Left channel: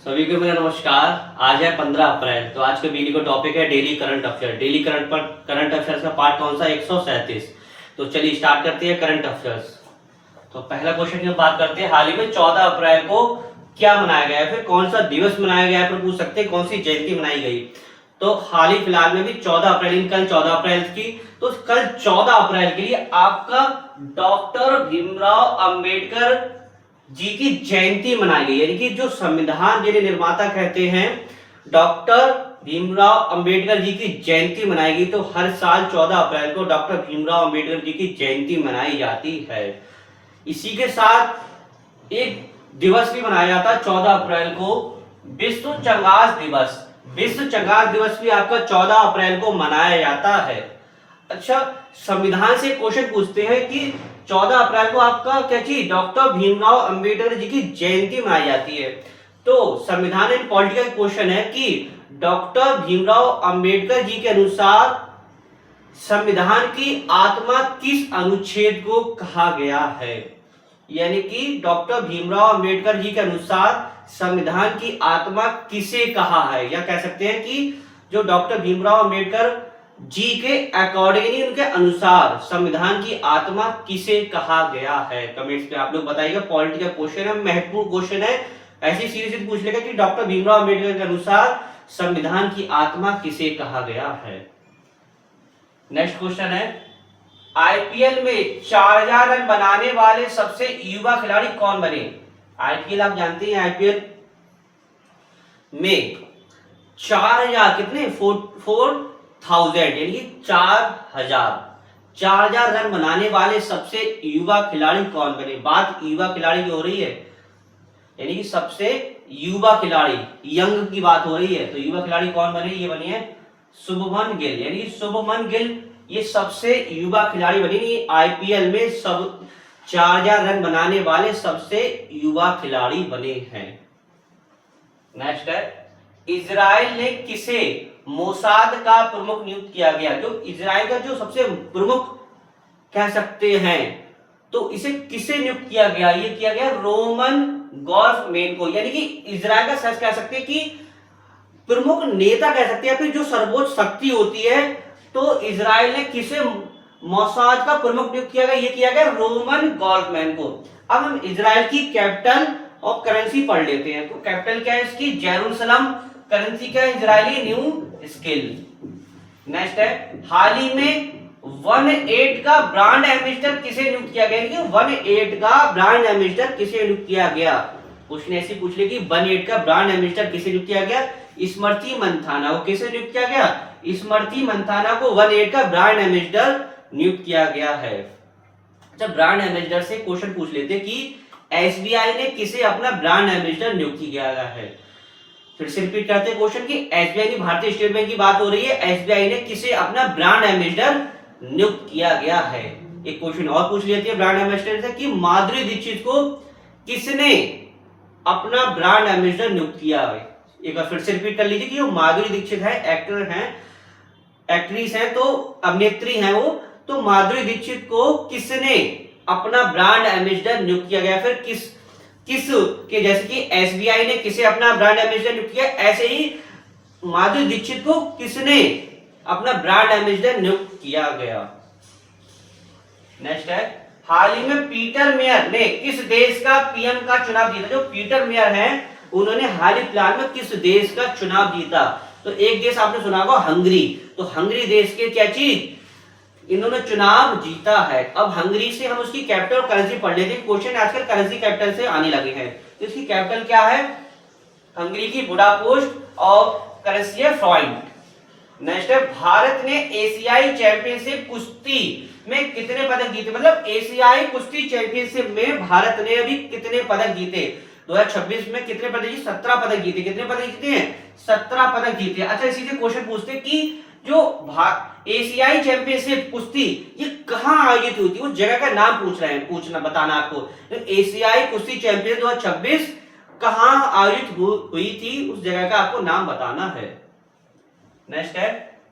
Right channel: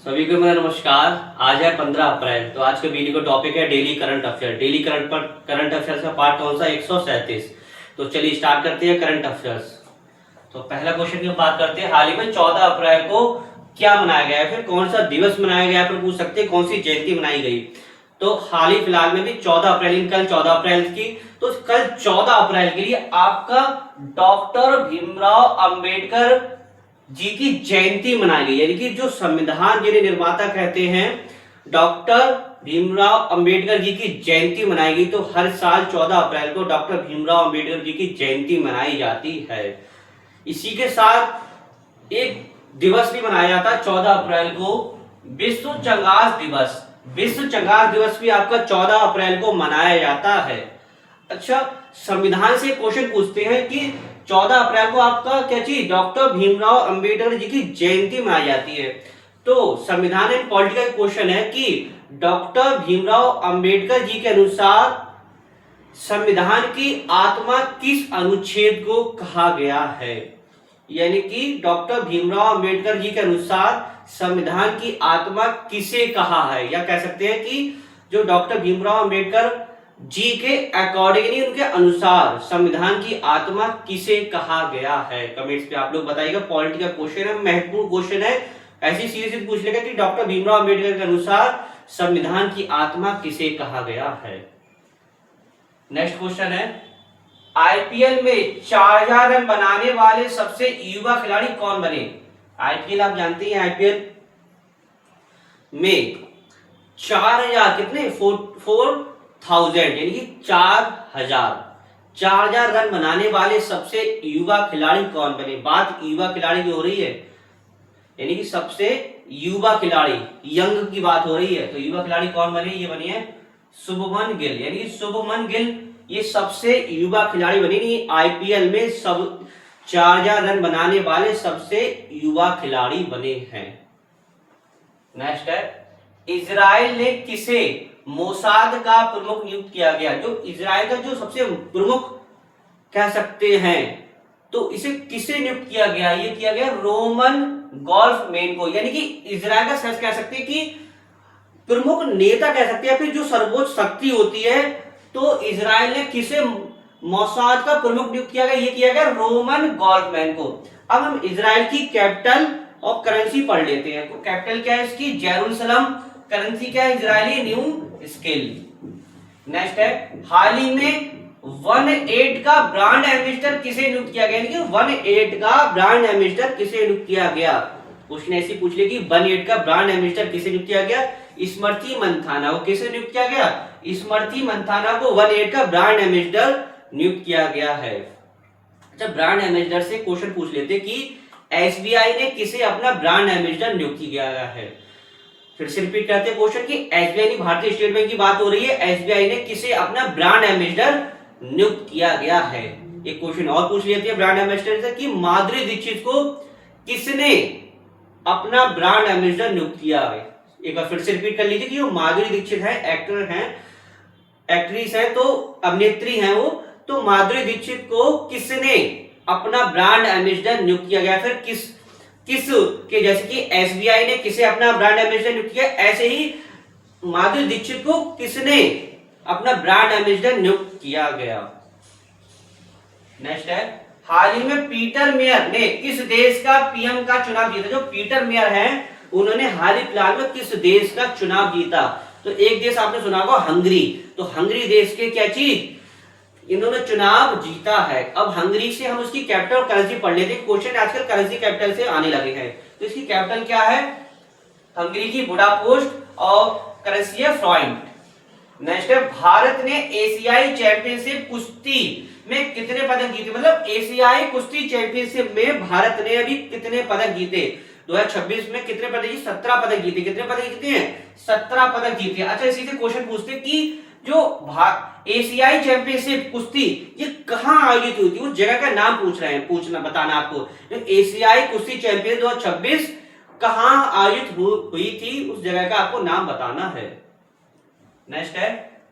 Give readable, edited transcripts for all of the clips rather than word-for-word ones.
सभी को मेरा नमस्कार। आज है 15 अप्रैल। तो आज के वीडियो का टॉपिक है daily current affair. Daily current affairs का पार्ट कौन सा? 137। तो चलिए स्टार्ट करते हैं करंट अफेयर्स। तो पहला क्वेश्चन की बात करते हैं, हाल ही में 14 अप्रैल को क्या मनाया गया है, फिर कौन सा दिवस मनाया गया है, फिर पूछ सकते हैं कौन सी जयंती मनाई गई। तो हाल ही फिलहाल में भी 14 अप्रैल, कल 14 अप्रैल की, तो कल 14 अप्रैल के लिए आपका डॉक्टर भीमराव अंबेडकर जी की जयंती मनाई गई। यानी कि जो संविधान के निर्माता कहते हैं डॉक्टर भीमराव अंबेडकर जी की जयंती मनाई गई। तो हर साल 14 अप्रैल को डॉक्टर भीमराव अंबेडकर जी की जयंती मनाई जाती है। इसी के साथ एक दिवस भी मनाया जाता है 14 अप्रैल को, विश्व चंगास दिवस। विश्व चंगास दिवस भी आपका 14 अप्रैल को मनाया जाता है। अच्छा, संविधान से क्वेश्चन पूछते हैं कि 14 अप्रैल को आपका क्या चीज, डॉक्टर भीमराव अंबेडकर जी की जयंती मनाई जाती है। तो संविधान एंड पॉलिटिकल क्वेश्चन है कि डॉक्टर भीमराव अंबेडकर जी के अनुसार संविधान की आत्मा किस अनुच्छेद को कहा गया है। यानी कि डॉक्टर भीमराव अंबेडकर जी के अनुसार संविधान की आत्मा किसे कहा है, या कह सकते हैं कि जो डॉक्टर भीमराव अंबेडकर जी के अकॉर्डिंगली, उनके अनुसार संविधान की आत्मा किसे कहा गया है। कमेंट्स पे आप लोग बताइएगा। पॉलिटिकल क्वेश्चन है, महत्वपूर्ण क्वेश्चन है। ऐसी सीरीज पूछ लेगा कि डॉक्टर भीमराव अंबेडकर के अनुसार संविधान की आत्मा किसे कहा गया है। नेक्स्ट क्वेश्चन है, आईपीएल में 4000 रन बनाने वाले सबसे युवा खिलाड़ी कौन बने। आईपीएल आप जानते हैं, आईपीएल में 4000 कितने 4000 यानी कि 4000 रन बनाने वाले सबसे युवा खिलाड़ी कौन बने। बात युवा खिलाड़ी की हो रही है, यानी कि सबसे युवा खिलाड़ी, यंग की बात हो रही है। तो युवा खिलाड़ी कौन बने, ये बनी है शुभमन गिल। यानी कि शुभमन गिल ये सबसे युवा खिलाड़ी बनी। नहीं, आईपीएल में सब 4000 रन बनाने वाले सबसे युवा खिलाड़ी बने हैं। नेक्स्ट है, इजराइल ने किसे मोसाद का प्रमुख नियुक्त किया गया। जो इजराइल का जो सबसे प्रमुख कह सकते हैं, तो इसे किसे नियुक्त किया गया, ये किया गया रोमन गोल्फमैन को। यानी कि इजराइल का सच कह सकते हैं कि प्रमुख नेता कह सकते हैं, फिर जो सर्वोच्च शक्ति होती है। तो इजराइल ने किसे मोसाद का प्रमुख नियुक्त किया गया, ये किया गया रोमन गोल्फमैन को। अब हम इजराइल की कैपिटल और करेंसी पढ़ लेते हैं। तो कैपिटल क्या है इसकी, जेरूसलम। करेंसी क्या है, इजरायली न्यू स्किल। नेक्स्ट है, हाल ही में 18 का ब्रांड एम्बेसडर किसे नियुक्त किया गया। 18 का ब्रांड एम्बेसडर किसे नियुक्त किया गया। क्वेश्चन ऐसे पूछ ले कि 18 का ब्रांड एम्बेसडर किसे नियुक्त किया गया। स्मृति मंथाना को किसे नियुक्त किया गया, स्मृति मंथाना को 18 का ब्रांड एम्बेसडर नियुक्त किया गया है। जब ब्रांड एम्बेसडर से क्वेश्चन पूछ लेते कि एसबीआई ने किसे अपना ब्रांड एम्बेसडर नियुक्त किया गया है। फिर से रिपीट करते हैं क्वेश्चन की, एसबीआई भारतीय स्टेट बैंक की बात हो रही है। एसबीआई ने किसे अपना ब्रांड एम्बेसडर नियुक्त किया गया है। एक क्वेश्चन और पूछ लेते हैं ब्रांड एम्बेसडर से कि माधुरी दीक्षित को किसने अपना ब्रांड एम्बेसडर नियुक्त किया है। एक बार फिर से रिपीट कर लीजिए कि वो माधुरी दीक्षित है, एक्टर हैं, एक्ट्रेस है, तो अभिनेत्री हैं वो। तो माधुरी दीक्षित को किसने अपना ब्रांड एम्बेसडर नियुक्त किया गया। फिर किस के, जैसे कि एसबीआई ने किसे अपना ब्रांड एम्बेसडर नियुक्त किया, ऐसे ही माधुरी दीक्षित को किसने अपना ब्रांड एम्बेसडर नियुक्त किया गया। नेक्स्ट है, हाल ही में पीटर मेयर ने किस देश का पीएम का चुनाव जीता। जो पीटर मेयर हैं, उन्होंने हाल ही फिलहाल में किस देश का चुनाव जीता। तो एक देश आपने सुना होगा, हंगरी। तो हंगरी देश के क्या चीज, इन्होंने चुनाव जीता है। अब हंगरी से हम उसकी कैपिटल और करेंसी पढ़ लेते हैं। क्वेश्चन आजकल करेंसी कैपिटल से आने लगे हैं। तो इसकी कैपिटल क्या है, हंगरी की बुडापेस्ट, और करेंसी है फ्रांक। नेक्स्ट है, भारत ने एशियाई चैंपियनशिप कुश्ती में कितने पदक जीते। मतलब एशियाई कुश्ती चैंपियनशिप में भारत ने अभी कितने पदक जीते। 2026 में कितने पदक जीते, 17 पदक जीते। कितने पदक जीते हैं, 17 पदक जीते। अच्छा, इसी से क्वेश्चन पूछते कि जो एशियाई चैंपियनशिप कुश्ती ये कहां आयोजित हुई थी, उस जगह का नाम पूछ रहे हैं, पूछना बताना आपको। एशियाई कुश्ती चैंपियन 2026 कहां आयोजित हुई थी, उस जगह का आपको नाम बताना है। नेक्स्ट है,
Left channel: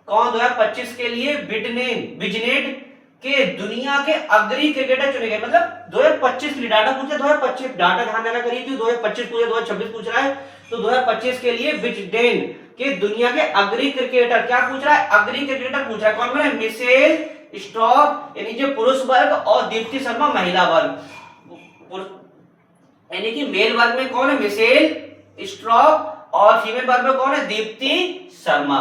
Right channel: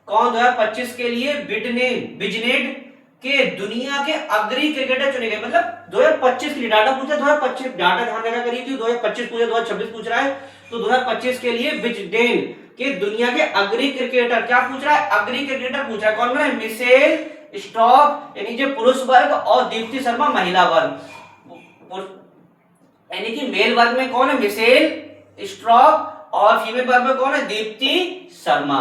कौन 2025 के लिए बिजनेट कि दुनिया के अग्रणी क्रिकेटर चुने गए, मतलब 2025 के लिए डाटा पूछा, 2025 डाटा ध्यान रखा करिए कि 2025 पूछे 2026 पूछ रहा है, तो 2025 के लिए विजडेन के दुनिया के अग्रणी क्रिकेटर क्या पूछ रहा है, अग्रणी क्रिकेटर पूछ रहा है। कौन बना है, मिशेल स्टॉक यानी जो पुरुष वर्ग और दीप्ति शर्मा महिला वर्ग, यानी कि मेल वर्ग में कौन है, मिशेल स्टॉक और फीमेल वर्ग में कौन है, दीप्ति शर्मा।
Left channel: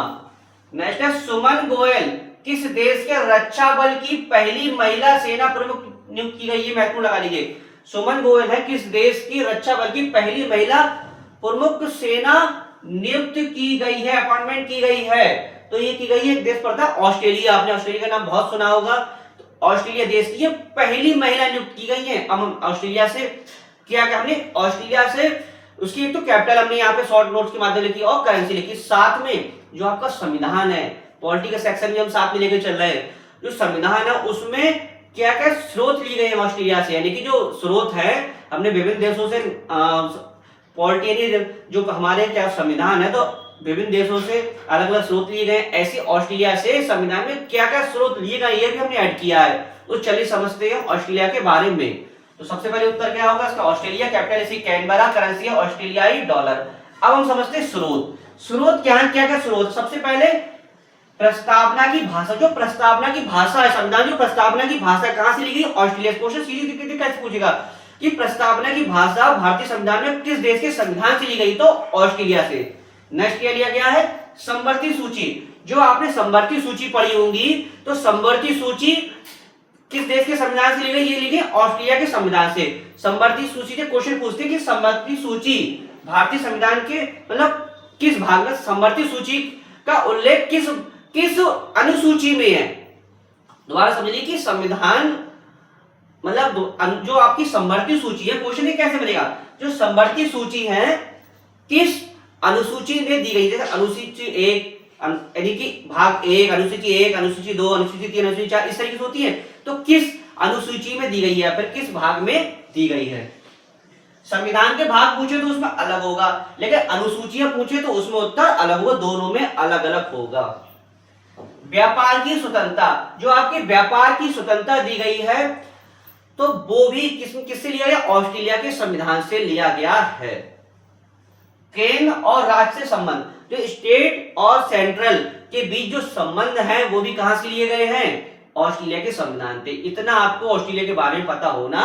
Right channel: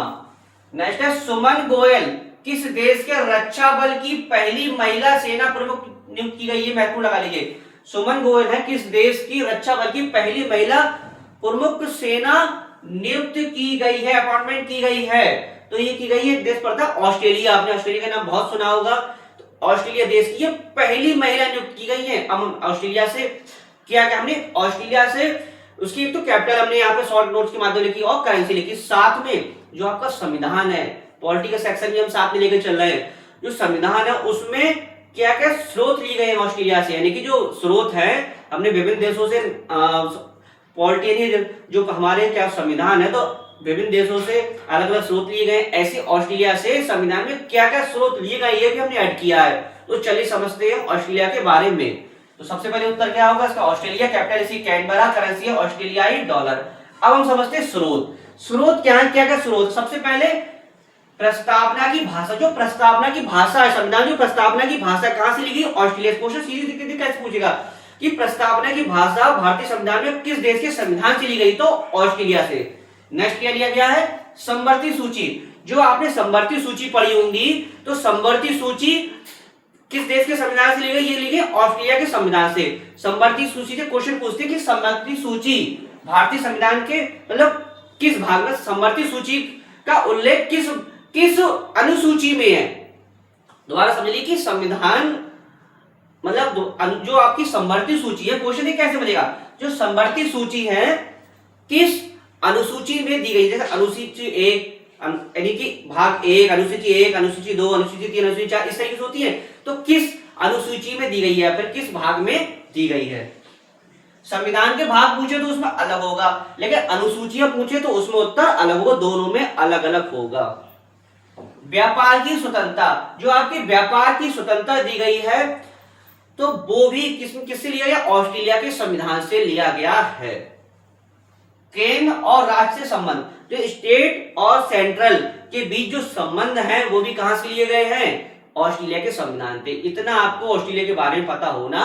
नेक्स्ट है सुमन गोयल किस देश के रक्षा बल की पहली महिला सेना प्रमुख नियुक्त की गई है, महत्वपूर्ण लगा लीजिए। सुमन गोयल है किस देश की रक्षा बल की पहली महिला प्रमुख सेना नियुक्त की गई है, अपॉइंटमेंट की गई है, तो ये की गई है देश पर था ऑस्ट्रेलिया। आपने ऑस्ट्रेलिया का नाम बहुत सुना होगा, तो ऑस्ट्रेलिया देश की ये पहली महिला नियुक्त की गई है। अब हम ऑस्ट्रेलिया से क्या हमने ऑस्ट्रेलिया से उसकी एक तो कैपिटल हमने यहाँ पे शॉर्ट नोट्स के माध्यम लिखी और करेंसी लिखी, साथ में जो आपका संविधान है, पॉलिटी का सेक्शन भी हम साथ में लेकर चल रहे हैं, जो संविधान है उसमें क्या क्या स्रोत लिए गए हैं ऑस्ट्रेलिया से, यानी कि जो स्रोत है हमने विभिन्न देशों से पॉलिटी जो हमारे क्या संविधान है, तो विभिन्न देशों से अलग अलग स्रोत लिए गए, ऐसे ऑस्ट्रेलिया से संविधान में क्या क्या स्रोत लिए गए ये भी हमने ऐड किया है। तो चलिए समझते हैं ऑस्ट्रेलिया के बारे में। तो सबसे पहले उत्तर क्या होगा इसका, ऑस्ट्रेलिया, कैपिटल इसी कैनबरा, करेंसी है ऑस्ट्रेलियाई डॉलर। अब हम समझते हैं स्रोत, स्रोत क्या है, क्या क्या स्रोत। सबसे पहले प्रस्तावना की भाषा, जो प्रस्तावना की भाषा है संविधान, जो प्रस्तावना की भाषा कहां से लिखी, ऑस्ट्रेलिया। क्वेश्चन सीरीज कैसे पूछेगा कि प्रस्तावना की भाषा भारतीय संविधान में किस देश के संविधान से ली गई, तो ऑस्ट्रेलिया से। नेक्स्ट क्या लिया गया है, समवर्ती सूची। जो आपने समवर्ती सूची पढ़ी होंगी, तो समवर्ती सूची किस देश के संविधान से ली गई, ये ली गई ऑस्ट्रेलिया के संविधान से। समवर्ती सूची से क्वेश्चन पूछते हैं कि समवर्ती सूची भारतीय संविधान के मतलब किस भाग में, समवर्ती सूची का उल्लेख किस अनुसूची में है। दोबारा समझ लीजिए कि संविधान मतलब जो आपकी समवर्ती सूची है, क्वेश्चन ये कैसे बनेगा, जो समवर्ती सूची है किस अनुसूची में दी गई, जैसे अनुसूची 1 यानी कि भाग 1, अनुसूची 1, अनुसूची 2, अनुसूची 3, अनुसूची 4 इस तरीके से होती है, तो किस अनुसूची में दी गई है, फिर किस भाग में दी गई है। संविधान के भाग पूछे तो उसमें अलग होगा, लेकिन अनुसूचियां पूछे तो उसमें उत्तर अलग होगा, दोनों में अलग अलग होगा। व्यापार की स्वतंत्रता, जो आपके व्यापार की स्वतंत्रता दी गई है, तो वो भी किससे लिया गया, ऑस्ट्रेलिया के संविधान से लिया गया है। केंद्र और राज्य से संबंध, जो स्टेट और सेंट्रल के बीच जो संबंध है वो भी कहां से लिए गए हैं, ऑस्ट्रेलिया के संविधान पे। इतना आपको ऑस्ट्रेलिया के बारे में पता होना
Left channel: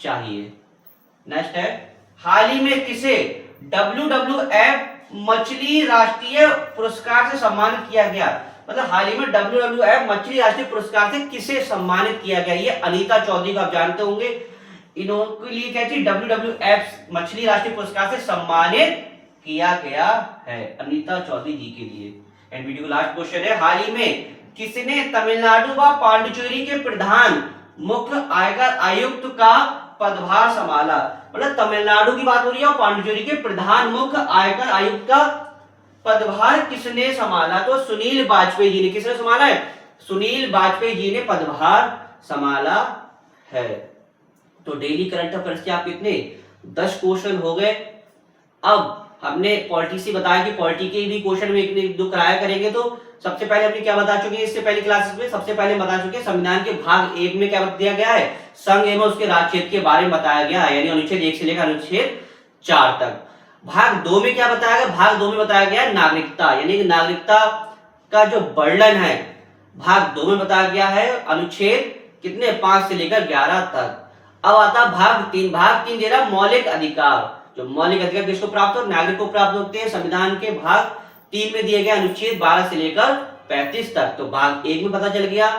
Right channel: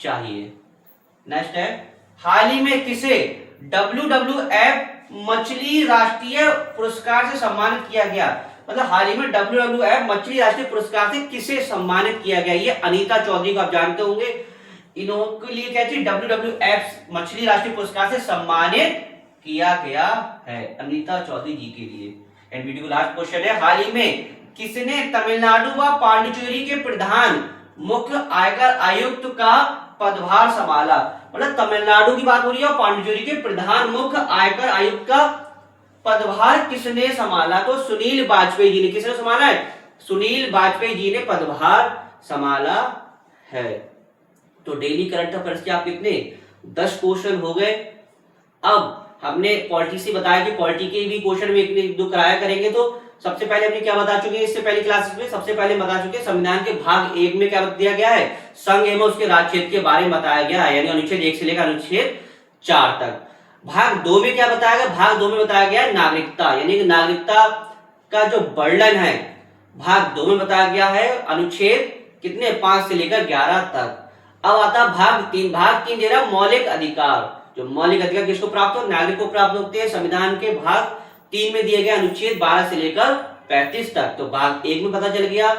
चाहिए। नेक्स्ट है, हाल ही में किसे WWF मछली राष्ट्रीय पुरस्कार से सम्मानित किया गया, मतलब हाल ही में WWF मछली राष्ट्रीय पुरस्कार से किसे सम्मानित किया गया, ये अनीता चौधरी को आप जानते होंगे। इनके लिए क्या चाहिए, WWF मछली राष्ट्रीय पुरस्कार से सम्मानित किया गया है अनीता चौधरी जी के लिए। एंड वीडियो का लास्ट क्वेश्चन है, हाल ही में किसने तमिलनाडु व पांडिचेरी के प्रधान मुख्य आयकर आयुक्त का पदभार संभाला, मतलब तमिलनाडु की बात हो रही है और पांडिचेरी के प्रधान मुख्य आयकर आयुक्त का पदभार किसने संभाला, तो सुनील वाजपेयी जी ने। किसने संभाला है, सुनील वाजपेयी जी ने पदभार संभाला है। तो डेली करंट अफेयर्स के आप कितने 10 क्वेश्चन हो गए। अब हमने पॉलिटी से बताया कि पॉलिटी के भी क्वेश्चन में एक दो कराया करेंगे, तो सबसे पहले हमने क्या बता चुके हैं इससे पहले क्लासेस में, सबसे पहले बता चुके हैं संविधान के भाग 1 में क्या दिया गया है, संघ एवं उसके राज्य क्षेत्र के बारे में बताया गया है, यानी अनुच्छेद 1 से लेकर अनुच्छेद 4 तक। भाग 2 में क्या बताया गया, भाग 2 में बताया गया नागरिकता, यानी कि नागरिकता का जो वर्णन है भाग 2 में बताया गया है, अनुच्छेद कितने 5 से लेकर 11 तक। अब आता भाग 3, भाग 3 दे रहा मौलिक अधिकार, जो मौलिक अधिकार किसको प्राप्त हो, नागरिक को प्राप्त होते हैं। संविधान के भाग 3 में दिए गए अनुच्छेद 12 से लेकर 35 तक। तो भाग 1 में पता चल गया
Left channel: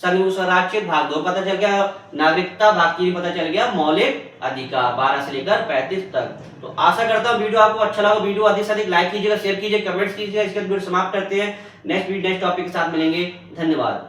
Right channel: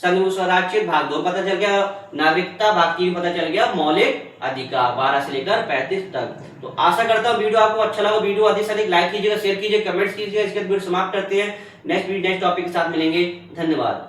संघ एवं स्वराज्य, भाग 2 पता चल गया नागरिकता, भाग 3 पता चल गया मौलिक अधिकार 12 से लेकर 35 तक। तो आशा करता हूँ वीडियो आपको अच्छा लगा, वीडियो अधिक से अधिक लाइक कीजिएगा, शेयर कीजिए, कमेंट्स कीजिएगा। इसके बाद वीडियो समाप्त करते हैं, नेक्स्ट टॉपिक के साथ मिलेंगे। धन्यवाद।